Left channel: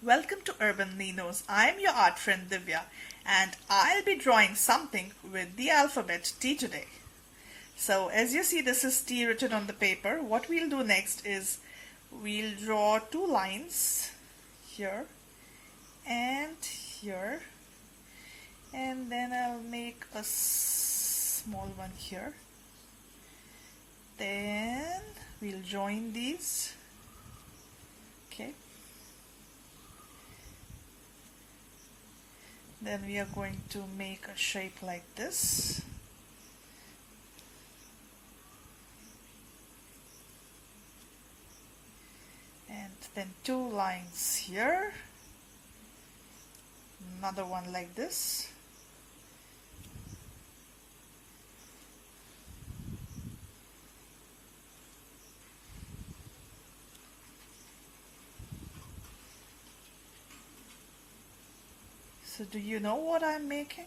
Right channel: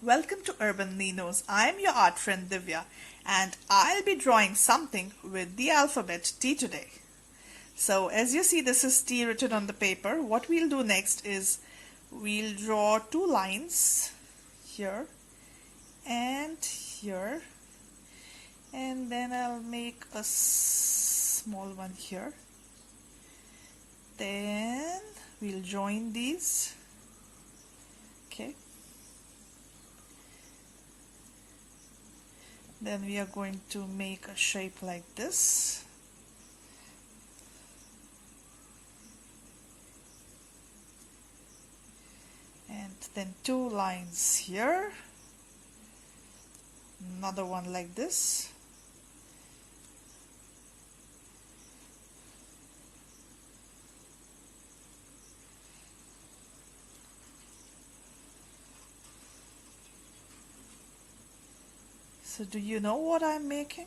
Welcome to Urban Ninos. I'm your art friend Divya and I'll be drawing something with the alphabet T today. So as you see, this is T written on the paper. What we'll do next is we'll draw two lines here and here, and then I'll make a small one here. Then we'll join these. Okay. Then we are going to make a shape like this. And then two lines here. Another one like this. So do you know what I'm making?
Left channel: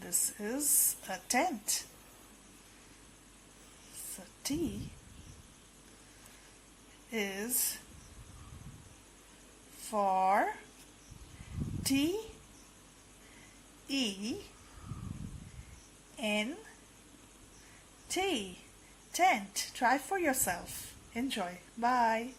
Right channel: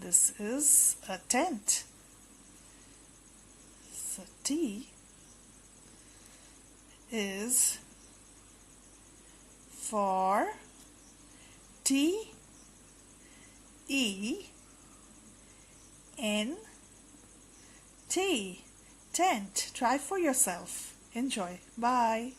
This is a tent. So T is for T-E-N-T, tent. Try for yourself. Enjoy. Bye.